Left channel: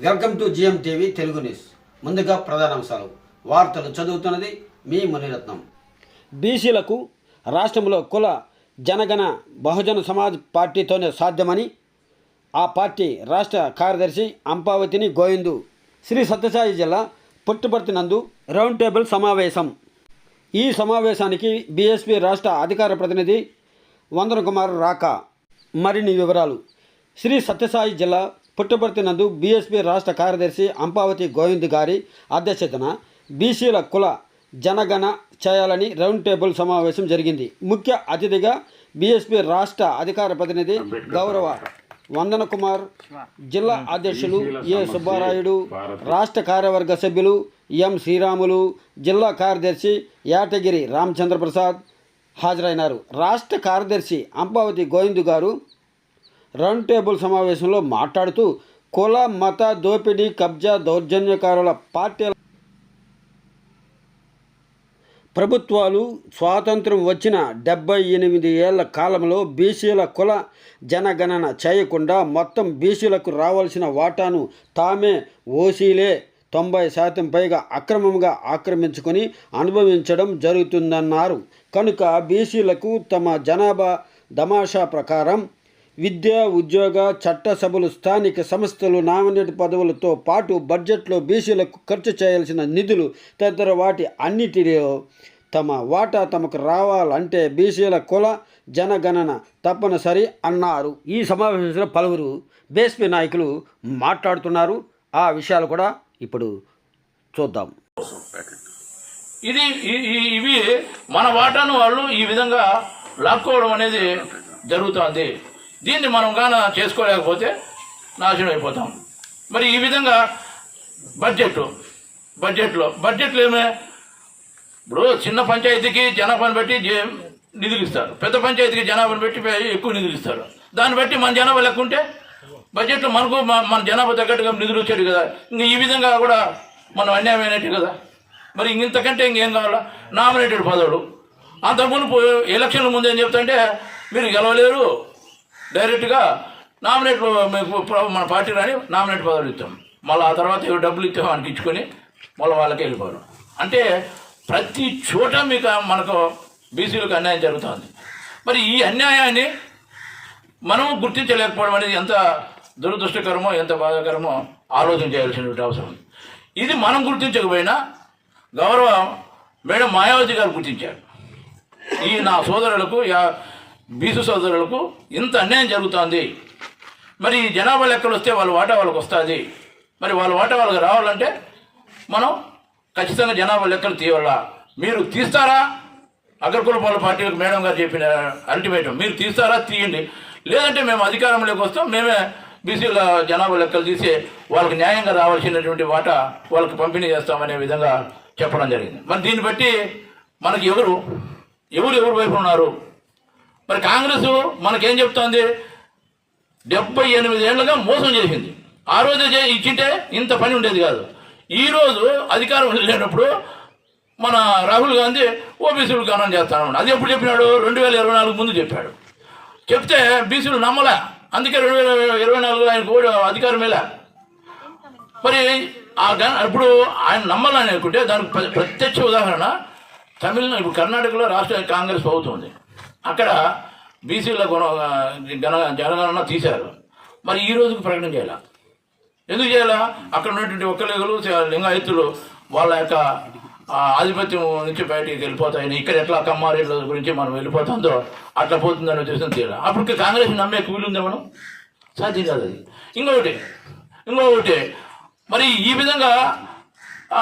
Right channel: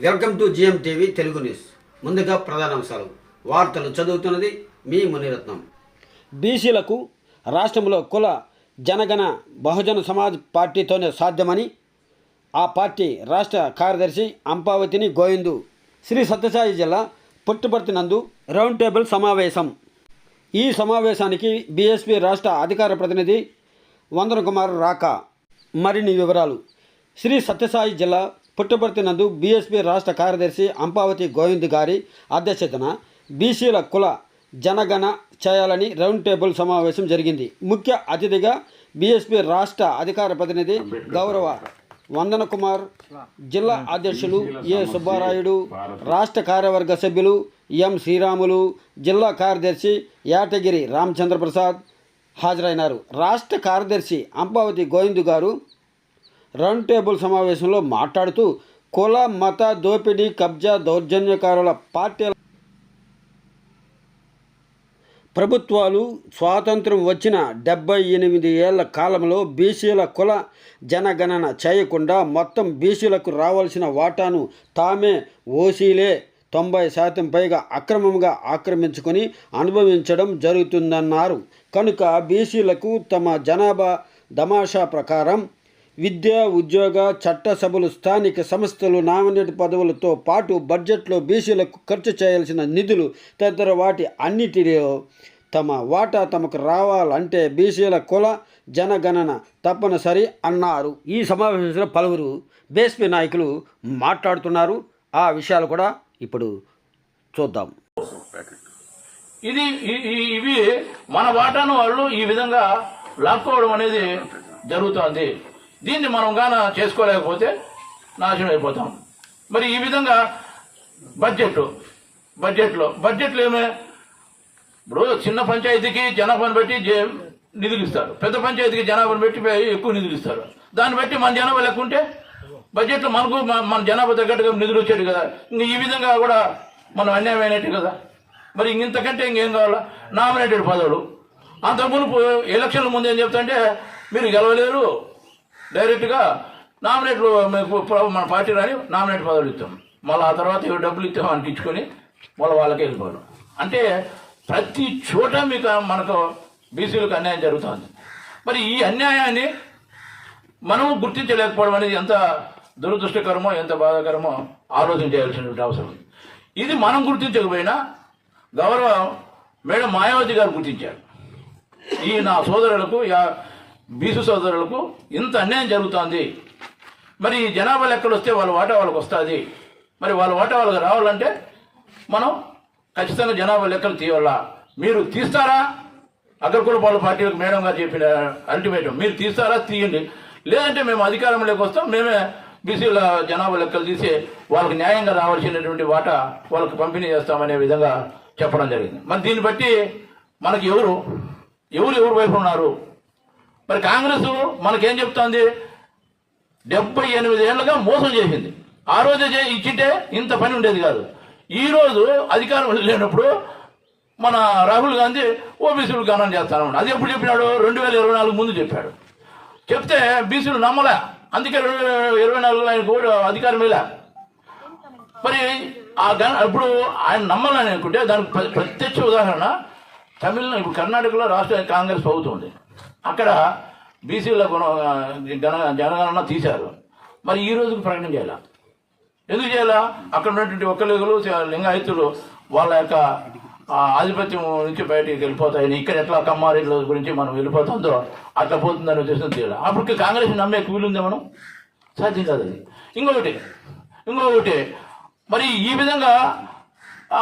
Welcome to GM TV Telugu news. ముందుగా ప్రధానాంశాలు. వార్తలు చదువుతున్నది మీ మునిరత్నం. బీసీలకు రాష్ట్రంలో కుల జనగణ బహుజన సమాజ్ పార్టీతోనే సాధ్యమని ఆ పార్టీ రాష్ట్ర కార్యదర్శి అంపావతిని గోవిందు. శ్రీ సత్యసాయి జిల్లా పుట్టుపర్తి నందు రౌండ్ టేబుల్ సమావేశం. ఈ సమావేశానికి బీఎస్పీ రాష్ట్ర అధికార ప్రతినిధి వందన కుమార్ రాక. మరిన్ని వివరాలు. శ్రీ సత్యసాయి జిల్లా పుట్టపర్తి నందు బీఎస్పీ రాష్ట్ర కార్యదర్శి అంపావతి గోవింద్ గారి అధ్యక్షతన బీసీల కుల జనగణ చేయాలని రౌండ్ టేబుల్ సమావేశం జరిగింది. ముఖ్య అతిథిగా బీఎస్పీ రాష్ట్ర అధికార ప్రతినిధి గౌరవ వందన కుమార్ జిల్లా అధ్యక్షులు ఏ సుబ్బారాయుడు రాష్ట్ర కార్యవర్గ సభ్యులు ఎం శ్రీరాములు జిల్లా కార్యదర్శి యాటగిరి రామచంద్ర ప్రసాద్ హాజరైనారు. రాష్ట్ర కార్యదర్శి అంబావతి గోవిందు గారు రౌండ్ టేబుల్ సమావేశంలో మాట్లాడుతూ కుల మత దోపిడీ కబ్జా దౌర్జన్యకారుల పార్టీల ప్రభుత్వాలు స్వాతంత్రం వచ్చిన డెబ్బై ఎనిమిది ఏళ్ళ కాలంలో బీసీల కుల జనగణన చేయకుండా మొత్తం బీసీలకు రావాల్సిన వాటాను తామే ఓసీలే తొంభై శాతం పైగా అక్రమంగా ఆక్రమించుకొని అనుభవించడం జరుగుతుందన్నారు. కనుక బీసీలకు తమ జనాభా దమాషా ప్రకారం విద్య ఉద్యోగ చట్టసభలు స్థానిక సంస్థలు నామినేట్ పదవులతో పాటు బడ్జెట్లో బీసీలకు ఖర్చు చేయాల్సిన నిధులు తదితర వాటి అన్నిటిలో తమ వాటా తమకు రావాలంటే బీసీల కుల జనగణన తప్పనిసరి అన్నారు. ఈ సమావేశంలో పలువురు బీఎస్పీ నాయకులు మాట్లాడుతున్నారు. ఆ విషయాలు కూడా ఇప్పుడు చూద్దాం. ఇది ఇవి మన వాటాను వాళ్ళు ఈ విధంగా లాక్కోవడం అనేది జరుగుతోంది. దీన్ని మనం గాన చేసుకోలేకపోతే నాశనం అయిపోతాం. మరి ఈ విధంగా బడ్జెట్ బడ్జెట్లో బడ్జెట్లో ఏమే? ఇప్పుడు చిన్న పంచాయతీకి జనాభాను బట్టి జే- నిధులు ఇస్తారు. పెద్ద పంచాయతీకి జనాభాను బట్టి ఎక్కువ నిధులు ఇస్తారు. దాన్ని బట్టి మన జనాభా లెక్క ఉంటే మనకు మన జనాభా తగ్గట్టుగా నిధులు వచ్చేది కదా. ఇంకా ఈ విధంగా కూడా మనం అన్యాయమైనట్టు కదా. మరి ఇంతకంటే ఇంకేం కావాలా? నామినేటెడ్ పదవులు. అంతకుముందు ఎలక్షన్ల ముందు ఏం చెప్తాంటే మీరు గెలవలేరు డైరెక్ట్గా నామినేట్లు మీకు మన పార్టీ రాని నామినేట్ పదవులు ఇస్తాం. మళ్ళీ ఆ తర్వాత ఇవి డబ్బులు ఇస్తాం అని ఇచ్చుకొని మళ్ళీ వాళ్ళకి వెళ్ళిపోవడం. అంటే ప్రతి చోట మీకు మనకు బీసీలకు అన్యాయం జరుగుతుంది. మరి ఈ అన్యాయాన్ని మనము గుర్తించలేకపోవడం అనేది ఎంత దురదృష్టకరమో ఎంత బాధాకరమో ఆలోచన చేయాల్సినటువంటి అవసరం ఉంది. ఇది మనం గుర్తించకపోయినా గౌరవ మేడం మాయావతి గారు గుర్తించారు. ఈ నా సోదరులకు యా బీసు సోదరులకు ఇంత అన్యాయం జరుగుతోంది. మరి ఈ జనాభా లెక్కలు వస్తే వాళ్ళ వాటా వాళ్ళకి వస్తుంది. మరి వాళ్ళ వాటా వాళ్ళకి రావాలంటే మనం ఖచ్చితంగా జనాభా లెక్కలు తీయాలా? మీరు తీస్తారా? అగ్రకులపాల పార్టీలకు మేడం గారు చెప్పిన అల్టిమేటం. మీరు తీస్తారా? తీయండి. లేదంటే మేము అధికారంలోకి వస్తాం. మేమే బీసీల జనాభా లెక్కలు తీసి వాళ్ళకి న్యాయంగా రావాల్సినటువంటి వాటా వాళ్ళకి పంపిణీ చేస్తామనే విధంగా చెప్పడం జరిగింది. మరి దీన్ని బట్టి మనకి ఎవరు ఎవరు ఎవరు వైపు ఉన్నారు? మరి కాంగ్రెస్ మనకేం చెప్తోంది? డెబ్బై ఎనిమిది ఏళ్ళుగా మోసం చేసింది. ఆ రోజే చే- ఇచ్చింటే ఇంత పని ఉండేది కాదు. ఈరోజు అధికారం లేనప్పుడు మన రాహుల్ గాంధీ ఓబీసీలు గణన చేస్తాను అది ఎప్పుడు చెప్పినాడు? రెండు వేల ఇరవై నాలుగు ముందు చెప్పాడు. చెప్తే బీసీలు నమ్మలే. అందుకే రెండు వేల ఇరవై నాలుగులో ఆయనకు అధికారం ఇలా మరి ఆ గణ ఇప్పుడు ఆయన నమ్మాలని అనుకుంటే దానికి ప్రత్యక్ష ఉదాహరణ తమిళనాడు ఇప్పుడు కర్ణాటకలో రాష్ట్ర కాంగ్రెస్ ప్రభుత్వం ఉంది. అక్కడ బీసీల గుణ జన జనగణన తీశారు. మరి ఈ రోజుకు ప్రకటన చేయాల? ఎందుకు చేయాలా? అక్కడ ఉన్నటువంటి ఒక్కలిగలు లింగాయతులు వాళ్ళ యొక్క ఆధిపత్యం నుంచి బయటికి వెళ్ళిపోతాయని ఇక్కడ ఎట్లా కమ్మారీల గురించి మనం వెళ్ళిపోతుందో అట్లా పోతుందని ఉద్దేశం తీయాలి అప్పుడు కాంగ్రెస్ నమ్మే వీలుందే మనం? సాధ్యం కాదు అది. ఇంకొకటి ఇంకొకటి మరి ఈ విధంగా ఆ,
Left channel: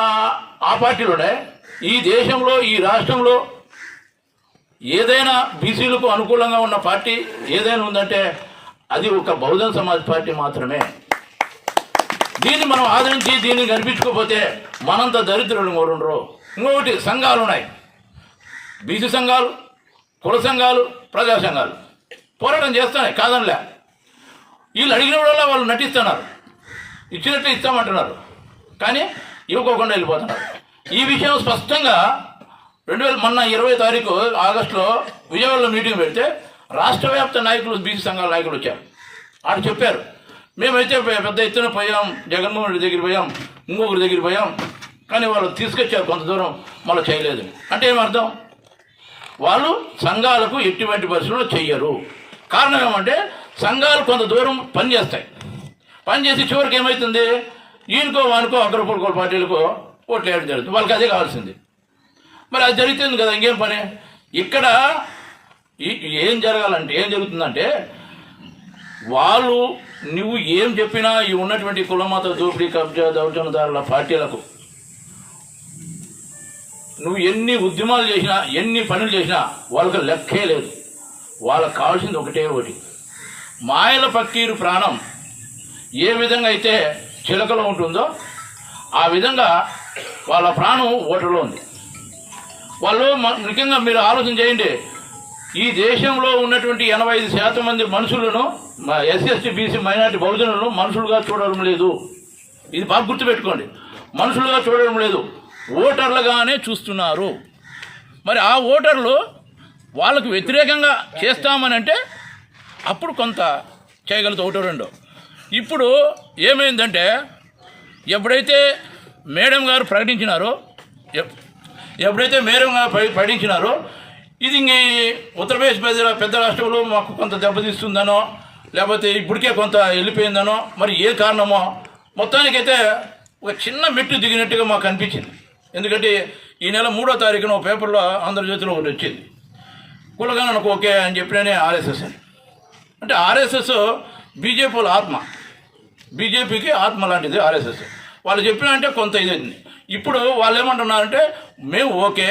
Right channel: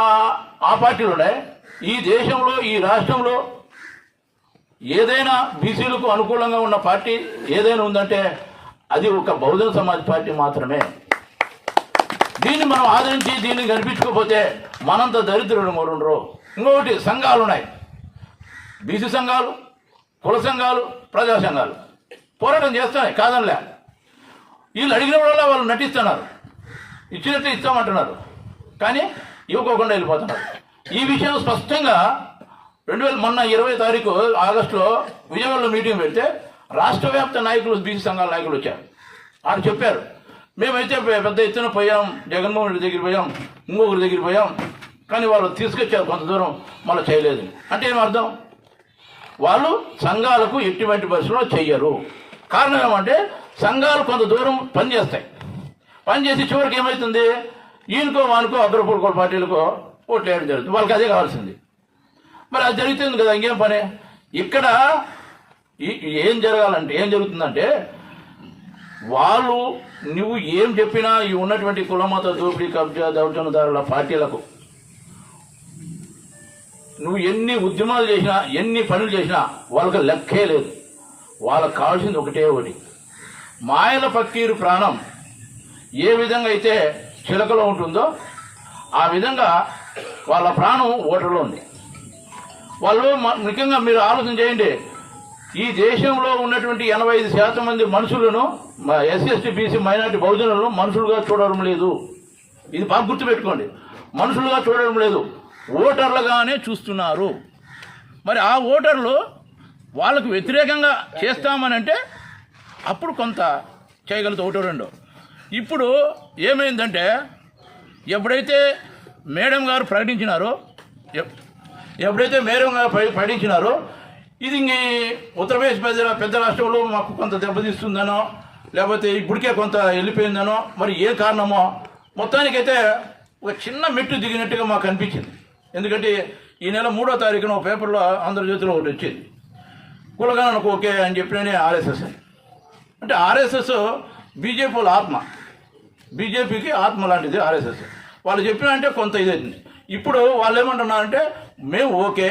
పార్టీలు ఉన్నాయి ఈ దేశంలో ఈ రాష్ట్రంలో ఏదైనా బీసీలకు అనుకూలంగా ఉన్న పార్టీ ఏదైనా ఉందంటే అది ఒక బహుజన్ సమాజ్ పార్టీ మాత్రమే. దీన్ని మనం ఆదరించి దీన్ని కనిపించుకోకపోతే మనంత దరిద్రులు మరుండ్రు. ఇంకొకటి సంఘాలు ఉన్నాయి. బీసీ సంఘాలు కుల సంఘాలు ప్రజా సంఘాలు. పోరాటం చేస్తున్నాయి కాదనిలే. వీళ్ళు అడిగినప్పుడల్లా వాళ్ళు నటిస్తున్నారు. ఇచ్చినట్లు ఇస్తామంటున్నారు. కానీ ఇవ్వకోకుండా వెళ్ళిపోతున్నారు. ఈ విషయం స్పష్టంగా రెండు వేల మొన్న ఇరవై తారీఖు ఆగస్టులో విజయవాడలో మీటింగ్ పెడితే రాష్ట్ర వ్యాప్త నాయకులు బీసీ సంఘాల నాయకులు వచ్చారు. ఆడు చెప్పారు మేమైతే పెద్ద ఎత్తున పోయాం జగన్మోహన్ రెడ్డి దగ్గర పోయాం ఇంకొకరి దగ్గర పోయాం కానీ వాళ్ళు తీసుకొచ్చారు కొంత దూరం మళ్ళీ చేయలేదు. అంటే ఏం అర్థం? వాళ్ళు సంఘాలకు ఎటువంటి పరిస్థితుల్లో చెయ్యరు. కారణం ఏమంటే సంఘాలు కొంత దూరం పనిచేస్తాయి. పనిచేసి చివరికి ఏమవుతుంది ఈయనకో వానికో అగ్రపుల్కో పార్టీలకో ఓట్లు వేయడం జరుగుతుంది. వాళ్ళకి అదే కావాల్సింది. మరి అది జరుగుతుంది కదా ఇంకేం పని? ఇక్కడ ఏం జరగాలంటే ఏం జరుగుతుందంటే వాళ్ళు నువ్వు ఏం చెప్పినా ఈ ఉన్నటువంటి కులమత దోపిడీ కబ్జా దౌర్జన్యదారుల పార్టీలకు నువ్వు ఎన్ని ఉద్యమాలు చేసినా ఎన్ని పనులు చేసినా వాళ్ళకి లెక్కే లేదు. వాళ్ళకి కావాల్సింది ఒకటే ఒకటి. మాయల పక్కీరు ప్రాణం ఏ విధంగా అయితే చిలకలో ఉంటుందో ఆ విధంగా వాళ్ళ ప్రాణం ఓటర్లో ఉంది. వాళ్ళు ముఖ్యంగా మీరు ఆలోచన చేయండి. ఈ దేశంలో ఉన్నటువంటి ఎనభై ఐదు శాతం మంది మనుషులను ఎస్సీ బీసీ మైనార్టీ బహుజనులను మనుషులుగా చూడడం లేదు. ఇది బాగా గుర్తుపెట్టుకోండి. మనుషులుగా చూడడం లేదు. ఓటర్లుగానే చూస్తున్నారు. మరి ఆ ఓటర్లు వాళ్ళకు వ్యతిరేకంగా చేస్తామని అంటే అప్పుడు కొంత చేయగలుగుతా ఒకటో రెండో. ఇప్పుడు ఏమైందంటే ఎప్పుడైతే మేడం గారు ప్రకటించినారో ఎప్పుడైతే మేరంగా గారు ఇది ఇంక ఉత్తరప్రదేశ్ పెద్ద పెద్ద రాష్ట్రంలో మాకు కొంత దెబ్బతీస్తుందనో లేకపోతే ఇప్పటికే కొంత వెళ్ళిపోయిందనో మరి ఏ కారణమో మొత్తానికైతే ఒక చిన్న మెట్టు దిగినట్టుగా మాకు అనిపించింది. ఎందుకంటే ఈ నెల మూడో తారీఖున ఒక పేపర్లో ఆంధ్రజ్యోతిలో ఒకటి వచ్చింది. కులగణనకు ఓకే అని చెప్పిననే ఆర్ఎస్ఎస్ అని. అంటే ఆర్ఎస్ఎస్ బీజేపీ ఆత్మ. బీజేపీకి ఆత్మ లాంటిది ఆర్ఎస్ఎస్. వాళ్ళు చెప్పిన అంటే కొంత ఇదైంది ఇప్పుడు వాళ్ళు ఏమంటున్నారంటే మేము ఓకే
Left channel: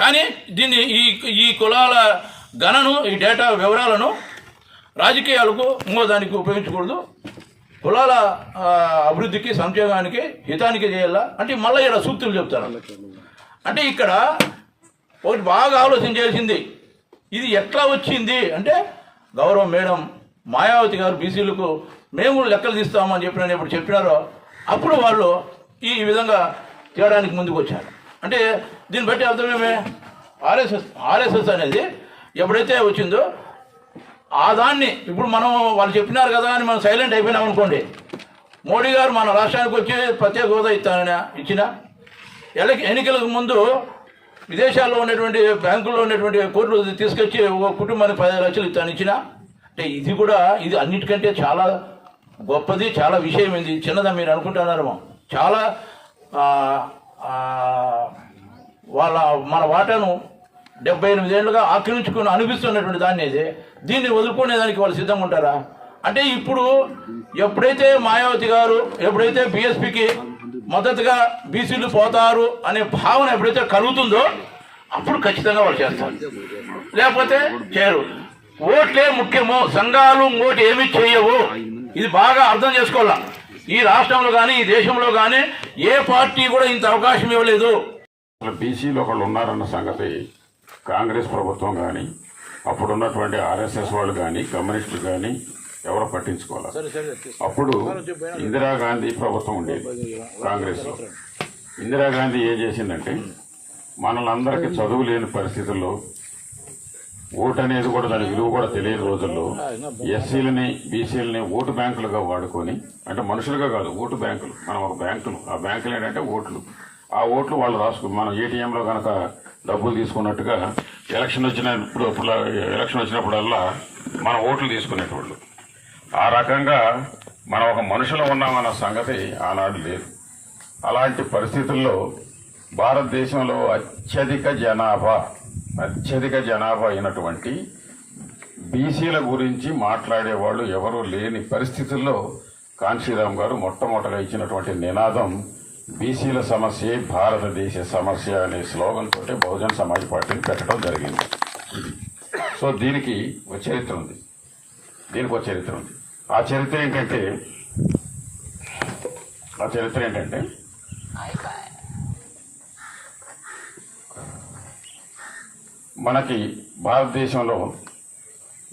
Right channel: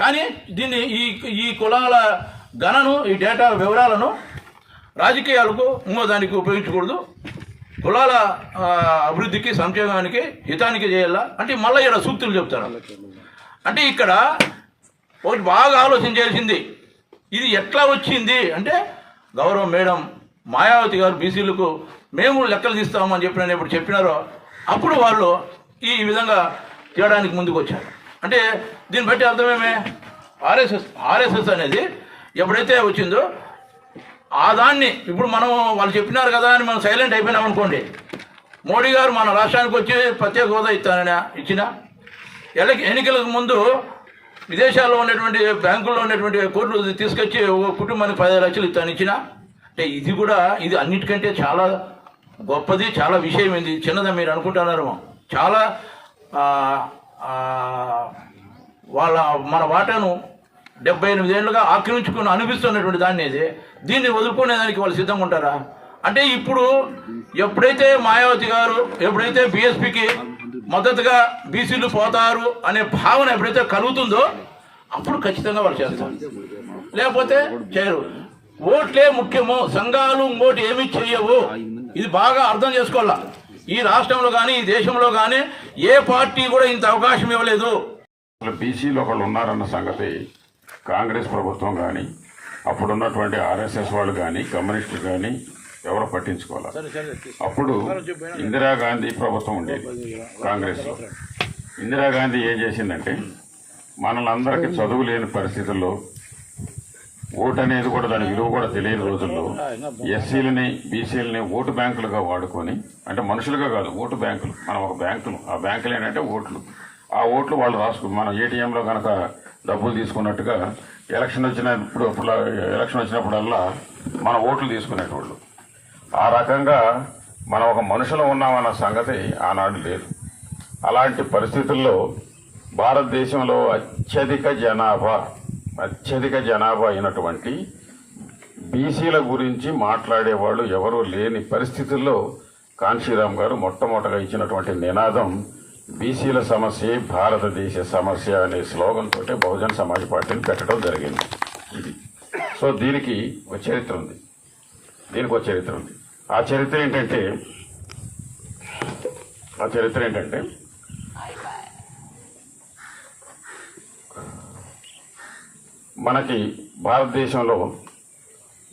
కానీ దీన్ని ఈ ఈ కులాల గణను ఈ డేటా వివరాలను రాజకీయాలకు ఇంకో దానికి ఉపయోగించకూడదు. కులాల అభివృద్ధికి సంక్షేమానికి హితానికి చేయాలా? అంటే మళ్ళీ ఇక్కడ సూక్తులు చెప్తారు. అంటే ఇక్కడ ఒకటి బాగా ఆలోచన చేయాల్సింది ఇది ఎట్లా వచ్చింది అంటే గౌరవ మేడం మాయావతి గారు బీసీలకు మేము లెక్కలు తీస్తామని చెప్పిన ఇప్పుడు చెప్పినారో అప్పుడు వాళ్ళు ఈ విధంగా తేయడానికి ముందుకు వచ్చారు. అంటే దీన్ని బట్టి అర్థమేమే? ఆర్ఎస్ఎస్ ఆర్ఎస్ఎస్ అనేది ఎప్పుడైతే వచ్చిందో ఆ దాన్ని ఇప్పుడు మనం వాళ్ళు చెప్పినారు కదా అని మనం సైలెంట్ అయిపోయినాం అనుకోండి. మోడీ గారు మన రాష్ట్రానికి వచ్చి ప్రత్యేక హోదా ఇస్తానని ఇచ్చిన ఎలక ఎన్నికలకు ముందు విదేశాల్లో ఉన్నటువంటి బ్యాంకుల్లో ఉన్నటువంటి కోట్లు తీసుకొచ్చి ఒక కుటుంబానికి పదిహేను లక్షలు ఇస్తాను ఇచ్చిన అంటే ఇది కూడా ఇది అన్నిటికంటే చాలా గొప్పది చాలా విషయం ఇది చిన్నదా మీరు అనుకుంటున్నారేమో. చాలా వాళ్ళ మన వాటాను డెబ్బై ఎనిమిది ఏళ్ళుగా ఆక్రమించుకుని అనిపిస్తున్నటువంటి దాన్ని ఇది. దీన్ని వదులుకునేదానికి వాళ్ళు సిద్ధంగా ఉంటారా అంటే ఇప్పుడు ఎప్పుడైతే మాయావతి గారు ఎప్పుడైతే బీఎస్పీకి మద్దతుగా బీసీలు పోతారు అనే భావన ఎప్పుడైతే కలుగుతుందో అప్పుడు ఖచ్చితంగా వాళ్ళు చేస్తారు. లేకపోతే చేయరు. ఓట్లే ముఖ్యము సంఘాలు ఇంకోటి ఏమీ చేయవు. ఇది బాగా అర్థం చేసుకోవాలా? ఈ రాష్ట్రంలో కానీ ఈ దేశంలో కానీ ఏ పార్టీ కూడా ఇంత అవకాశం ఇవ్వలేదు. అసలు బీసీలో ఒకళ్ళు ఉన్నారన్న సంగతి కాంగ్రెస్ ప్రభుత్వం కానీ అప్పుడున్నటువంటి ఆర్ఎస్ఎస్ వాళ్ళు కానీ కమ్యూనిస్టులు కానీ ఎవరు పట్టించుకోవాలి? అప్పుడు ఇందిరాగాంధీ ప్రభుత్వం ఉండేది కాంగ్రెస్ ఇందిరాగాంధీ ఏం చేసిందంటే మనల్ని అందరికీ చదువు లేని పరిస్థితుల్లో ఓటు అనేది కూడా దాని విలువ కూడా తెలియని రోజుల్లో ఎస్సీలని బీసీలని ఓటు బ్యాంకులుగా వాడుకొని అంటే మనుషులుగా కాదు ఓటు బ్యాంకులు. మనం ఒక బ్యాంకులు. ఆ బ్యాంకులు ఏంటంటే ఓట్లు. ఆ ఓట్లు వాళ్ళు రాసుకు మనం ఏటీఎంలో కనుక డబ్బులు తీసుకున్నట్టుగా ఎలక్షన్ వచ్చినప్పుడు ఎలక్షన్ వచ్చినప్పుడల్లా మన ఓట్లు తీసుకునేటోళ్ళు. ఆ రకంగా మనం ఒక మనుషులో ఉన్నామన్న సంగతి ఆనాడు లేదు. అలాంటి పరిస్థితుల్లో భారతదేశంలో అత్యధిక జనాభా. అత్యధిక జనాభా అయినటువంటి బీసీల గురించి మాట్లాడేవాళ్ళు ఎవరూ లేని పరిస్థితుల్లో కాంశీరామ్ గారు మొట్టమొదటిగా ఇచ్చినటువంటి నినాదం బీసీల సమస్య భారతదేశ సమస్య అనే స్లోగన్ తోటే బహుజన్ సమాజ్ పార్టీని పెట్టడం జరిగింది. సో దీనికి ఒక చరిత్ర ఉంది. దీనికి ఒక చరిత్ర ఉంది. ఆ చరిత్ర ఏంటంటే ఆ చరిత్ర ఏంటంటే మనకి భారతదేశంలో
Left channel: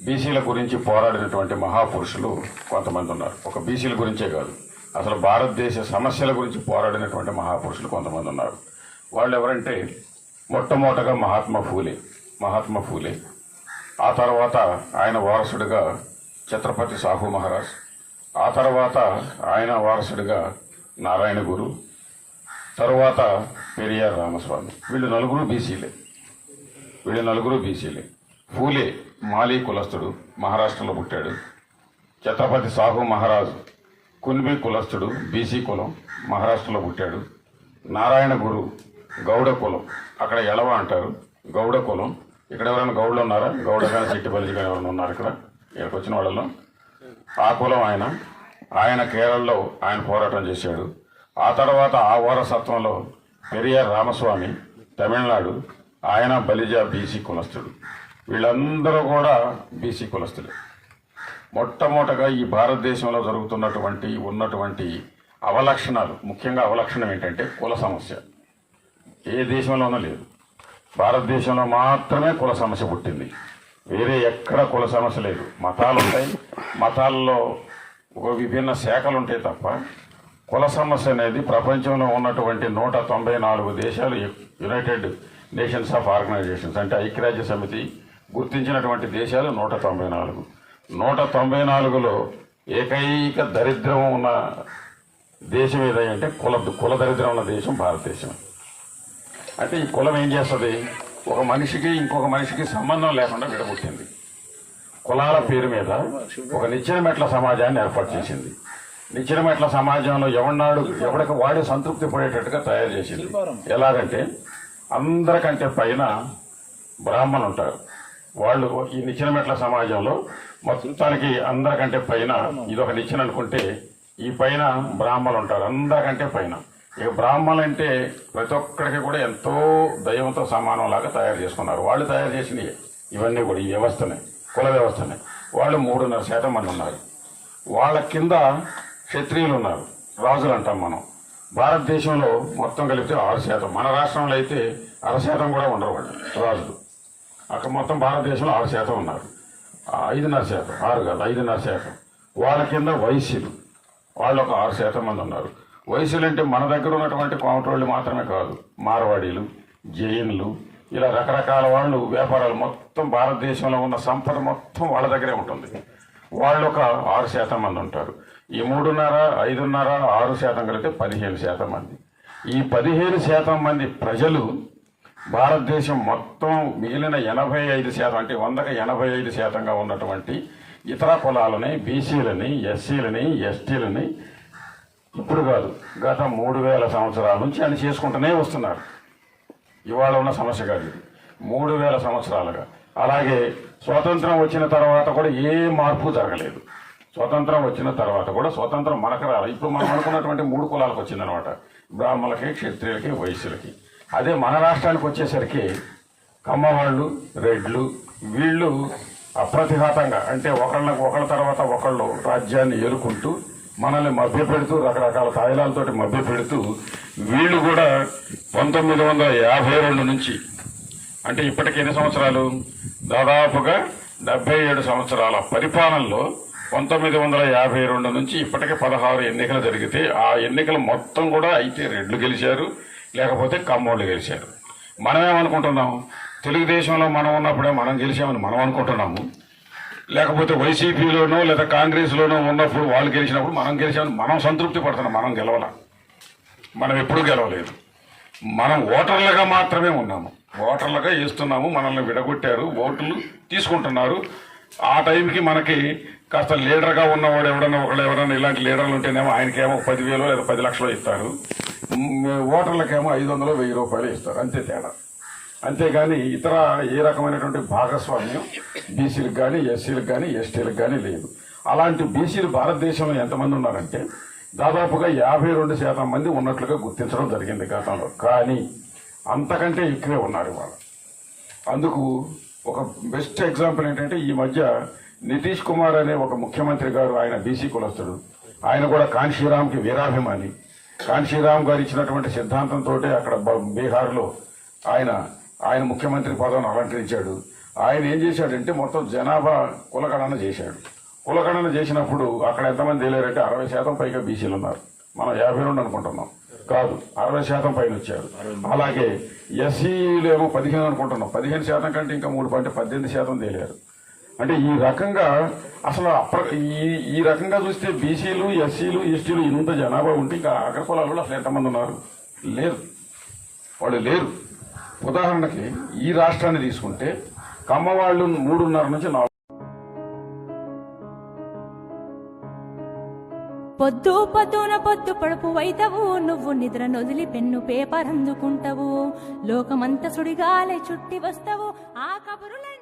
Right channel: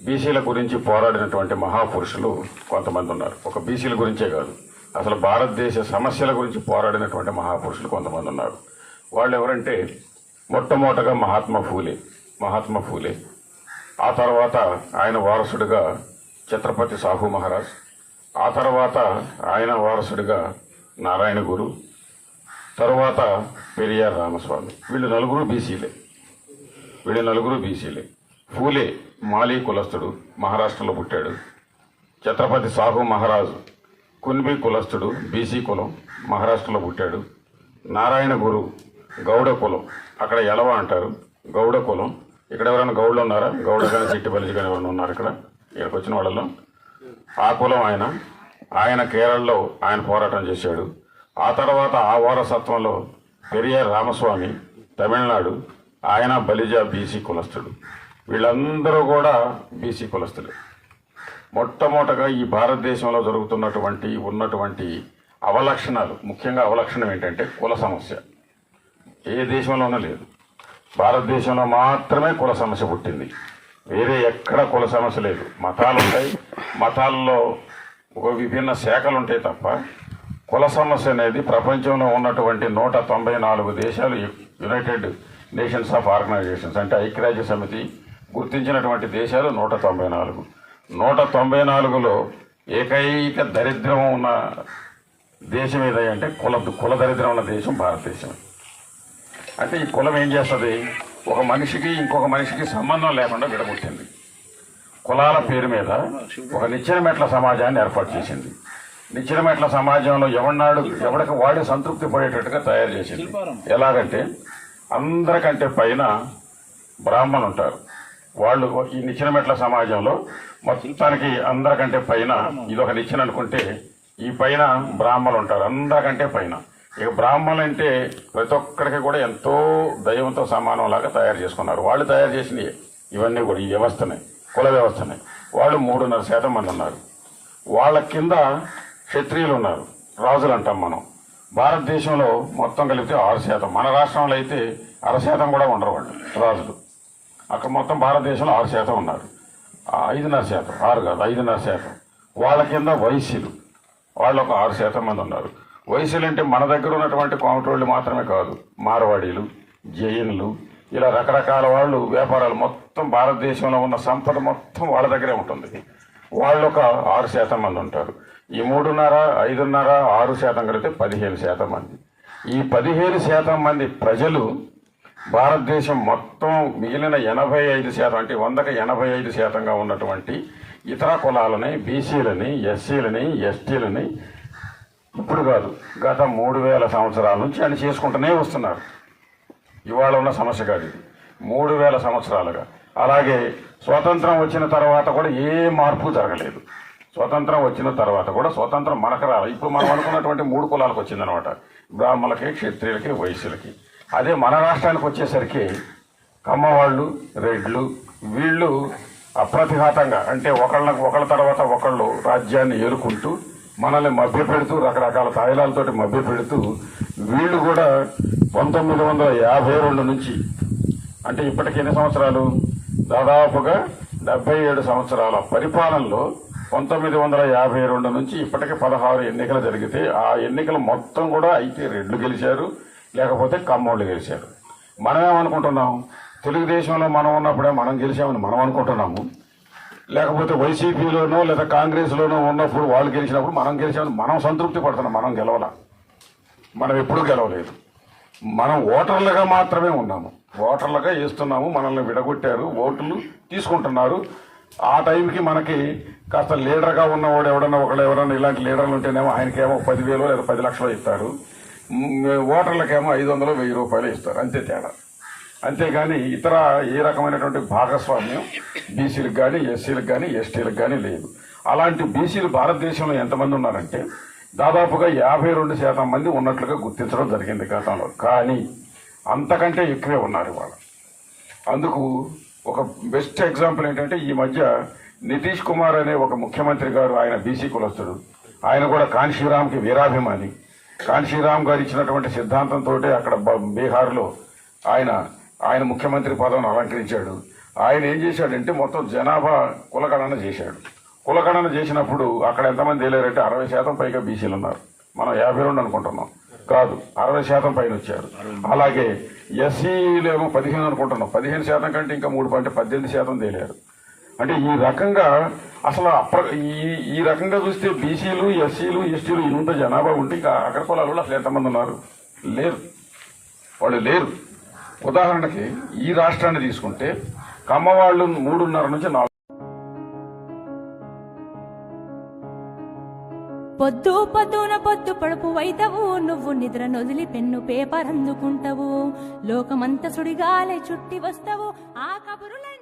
బీసీల గురించి పోరాడినటువంటి మహాపురుషులు కొంతమంది ఉన్నారు. ఒక బీసీల గురించే కాదు. అసలు భారతదేశ సమస్యల గురించి పోరాడినటువంటి మహాపురుషులు కొంతమంది ఉన్నారు. వాళ్ళు ఎవరంటే మొట్టమొదటగా మహాత్మా ఫూలే మహాత్మా ఫూలే. ఆ తర్వాత ఆయన వారసుడిగా ఛత్రపతి సాహు మహారాజ్. ఆ తర్వాత ఆయన వారసుడిగా నారాయణ గురు. తరువాత పెరియార్ రామస్వామి. వీళ్ళు నలుగురు బీసీలే. వీళ్ళు నలుగురు బీసీలే. ఫూలే మాలీ కులస్తుడు మహారాష్ట్రలో పుట్టాడు. ఛత్రపతి సాహు మహారాజ్ కున్బి కులస్తుడు బీసీ కులం మహారాష్ట్రలో పుట్టాడు. నారాయణ గురు గౌడ కులం. అక్కడ ఎలవ అంటారు. గౌడ కులం. ఇక్కడ ఎవరైనా గౌడలు ఉన్నారా? గౌడ కానీ చిట్టిపల్లి కానీ ఎవరైనా ఉన్నారు ఇక్కడ? ఇక్కడికి వచ్చిన వాళ్ళలో? ఆ కులం ఆయన. ఆయన కేరళలో ఆయన పోరాటం చేశాడు. ఆ తర్వాత ఆ వారసత్వంలో పెరియార్ రామస్వామి తమిళనాడు ఆయన బలిజా బీసీ కులస్తుడు. వీళ్ళందరూ కూడా బీసీ కులస్తులే. మొట్టమొదటగా ఈ భారతదేశంలో జరుగుతున్నటువంటి ఉన్నటువంటి అవలక్షణాలు ముఖ్యంగా అవలక్షణం ఏంటంటే కుల సమస్య. ఏ దేశంలోనూ లేదు. భారతదేశంలో మాత్రమే కుల సమస్య పుట్టింది. వేరే ఎక్కడ కుల సమస్య లేదు. మతాలు ఉంటాయి. మతాల్లో ఒక విభిన్న శాఖలు ఉంటాయి తప్ప కుల సమస్య అనేది ప్రపంచంలో ఉన్నటువంటి నూట తొంభై నాలుగు దేశాలు యునైటెడ్ నేషన్స్ ఆఫ్ ఆర్గనైజేషన్స్ అంటే ఐక్యరాజ్య సమితి గుర్తించినటువంటి దేశాలు నూట తొంభై నాలుగు. నూట తొంభై నాలుగులో ఏకైక దరిద్రం ఉన్న దేశం ఏదంటే కుల కుల దరిద్రం ఉన్న దేశం భారతదేశం. అంటే ఈ కులం ఏం చేస్తుంది? ఒక మనిషికి ఇంకొక మనిషికి సంబంధం లేకుండా విడగొట్టింది. కులాల పేరు మీద ఒక నిచ్చెన మెట్ల సమాజాన్ని ఏర్పాటు చేసింది. నిచ్చెన మెట్ల సమాజంలో ఎవడినాడు ఎవడికి వాడే సంతృప్తి పడేటట్టుగా తయారు చేసింది. ఎలాగంటే అందరికంటే పైన బ్రాహ్మణులు ఉంటారు వాళ్ళు ఈ నిచ్చిన మెట్ల సమాజంలో మొత్తానికి అందరికంటే పైన ఇది ఒక నిచ్చెన అనుకుంటే ఈ పైన బ్రాహ్మణులు ఉంటారు అందరికంటే పైన. ఇక బ్రాహ్మణులు అంటే ప్రతి ఒక్కరికి కూడా ఎంతో దైవంతో సమానం లాగా తయారు చేసుకున్నారు. వాళ్ళు తయారు చేసినవి ఇవన్నీ కూడా ఈ వ్యవస్థనే కుల వ్యవస్థనే. వాళ్ళు మూడున్నర శాతం మంది ఉన్నారు. వాళ్ళ కింద క్షత్రియులు ఉన్నారు. రాజులు అంటాం మనం. భారతదేశంలో మొత్తం కలిపితే ఆరు శాతం. మన రాష్ట్రంలో అయితే అర శాతం కూడా ఉండరు వాళ్ళు రాజులు. అక్కడ మొత్తం భారతదేశంలో ఆరు శాతం ఉన్నారు. ఐదున్నర శాతం. ఆరు కాదు ఐదున్నర శాతం. వాళ్ళ కింద వైశ్యులు వాళ్ళు ఒక ఆరు శాతం మంది ఉన్నారు. వైశ్యులు అంటే మన దగ్గర ఉన్నటువంటి కోమటోళ్ళు మాత్రమే కాదు మార్వాడీలు జైనులు ఇలా రకరకాల వాళ్ళు వ్యాపారాలు. మొత్తం భారతదేశంలో ఉన్న సంపద మొత్తం వాళ్ళ దగ్గరే ఉంటుంది. వాళ్ళు ఒక ఆరు శాతం మంది ఉంటారు. ఈ మూడున్నర ఐదున్నర ఆరు శాతం కలిపితే పదిహేను శాతం మంది. ఈ పదిహేను శాతం మంది ప్రజలు భారతదేశం మొత్తం మిగిలిన ఎనభై ఐదు శాతం అంటే వందకు ఎనభై ఐదు శాతంగా ఉన్నటువంటి ఇతర కులాలని బీసీలని ఎస్సీలని ఎస్టీలని ఇప్పుడు కాదు గత మూడు వేల సంవత్సరాల నుంచి అని చేసుకుంటూనే వస్తున్నారు. ఇవాళ ఉన్న సమస్య కాదు ఇది. మూడు వేల సంవత్సరాలుగా. అలాగే స్వతంత్రం వచ్చిన తర్వాత కూడా ఏ మార్పు జరగలేదు. స్వతంత్రం వచ్చిన తర్వాత కూడా స్వతంత్రం మనకు రాలి. ఇప్పుడు మనం అనుకున్నటువంటి మూడు కులాలకు వచ్చిందనమాట. బ్రాహ్మణులకి క్షత్రియులకి వైశ్యులకి. అదే మన రాష్ట్రానికి వచ్చేసరికి కమ్మవాళ్ళు రెడ్లు వీళ్ళు అప్రతిఘాతంగా అంటే ఒకళ్ళకు ఒకళ్ళ తర్వాత ఒకళ్ళు రాజ్యాన్ని ఏరుకుంటూ మనల్ని మభ్యపెడుతూ రకరకాల తాయిలాలతోటి మభ్యపెడుతూ వీళ్ళు కూడా పంతొమ్మిది వందల యాభై రెండు నుంచి అంటే ఇప్పటికి ఎన్ని సంవత్సరాలు? దాదాపుగా డెబ్బై ఏడు సంవత్సరాల పరిపాలనలో పంతొమ్మిది వందల యాభై రెండు నుంచి ఇప్పటికే పదహారు ఎన్నికలు జరిగితే ఆ ఎన్నికలు మొత్తం కూడా అయితే రెడ్లు గెలిచారు లేకపోతే కమ్మోళ్ళు గెలిచారు. మనమేమనుకుంటున్నాం? తెలుగుదేశంలో మనం ఉన్నప్పుడే మనం గెలిచామని మనం అనుకుంటున్నాము. లేకపోతే వైసీపీలోనో లేదా కాంగ్రెస్లోనో ఉన్నప్పుడు వాళ్ళు గెలిచినప్పుడు మనం గెలిచామని మనం సంతృప్తి పడుతున్నాం మనం గెలవలా. మనం ఎప్పుడూ గెలవలేదు. మనం ఓటర్లుగా మాత్రమే ఉన్నాము. ఓటర్లుగా వేస్తున్నాము మనల్ని విడగొట్టారు ఓట్లు తీసుకుంటున్నారు. ఆ టైంకి మనకి కాస్త లీడర్గా ఉన్నవాడు ఎవడన్నా ఒకళ్ళు ఎవరన్నా ఇలాంటి లీడర్లు ఉంటేనేమో ఆయనకేమో పదివేలు లేదా పది లక్షలు ఇస్తారు. ఓటర్లకేమో ఐదు వందలు వెయ్యి రూపాయలు ఇస్తారు. అంతే తేడా. అంతేగాని ఇతర ఏ రకమైనటువంటి భాగస్వామ్యం బీసీలకు కానీ ఎస్సీలకు కానీ ఎస్టీలకు కానీ లేదు. అలాంటి బీసీలు భారతదేశంలో ఎంతమంది ఉన్నారంటే దాదాపుగా యాభై రెండు శాతం మంది ఉన్నట్లుగా గుర్తించడం జరిగింది గతంలో. కానీ అంతకంటే ఎక్కువే ఉన్నారు వాళ్ళు. అందుకు ఒక బెస్ట్ ఎగ్జాంపుల్ ఏంటంటే ఈ మధ్య నితీష్ కుమార్ అనే ఒక ముఖ్యమంత్రి గారు ఆయన బీసీ కులస్తుడు. ఆయన కూడా కాన్షీరామ్కి వీరాభిమాని. కాంశీరామ్ గారు ఇచ్చినటువంటి సిద్ధాంతంతో అక్కడ బీహార్లో ఆయన ఆయన ముఖ్యమంత్రి పదవిని అలంకరించాడు. ఆయన ఏం చేశాడంటే మొత్తం జనాభా కులగణన చేశాడు. కులగణన చేసినప్పుడు అక్కడ ఎంతమంది వెళ్ళారంటే అరవై శాతం పైగా బీసీలు ఉన్నారు. మనం యాభై రెండు అనుకుంటున్నాం. కాదు అరవై శాతం పైన వచ్చారు. అలాగే ఎస్సీలు ఏమో పదిహేను అనుకుంటున్నాం. పదిహేను శాతం కంటే ఇంకా మూడు పంటే పద్దెనిమిది శాతం తేలారు. అంటే ఈ రకంగా అసలు అప్ర ఈ ఈ రకంగా చూస్తే బీసీలు ఎస్సీలు ఎస్టీలు ఇంత జనాభా ఉంటే ఇంకా అగ్ర కులాలు కూడా అసలు ఎంతమంది ఉన్నారు? లేరు. వాళ్ళు లేరు. ఉదాహరణకి ఈ రాష్ట్రాన్ని తీసుకుంటే కమ్మ వాళ్ళు మూడున్నర నుంచి నాలుగు పొద్దు పొద్దున పొద్దు పడుపు వైతవు నువ్వు నిద్ర నొదిలి పెన్ను పేపర్ అందుకుంటావు. లోకమంత సుడిగాలే చుట్టి వస్తావు. ఆ కబురులే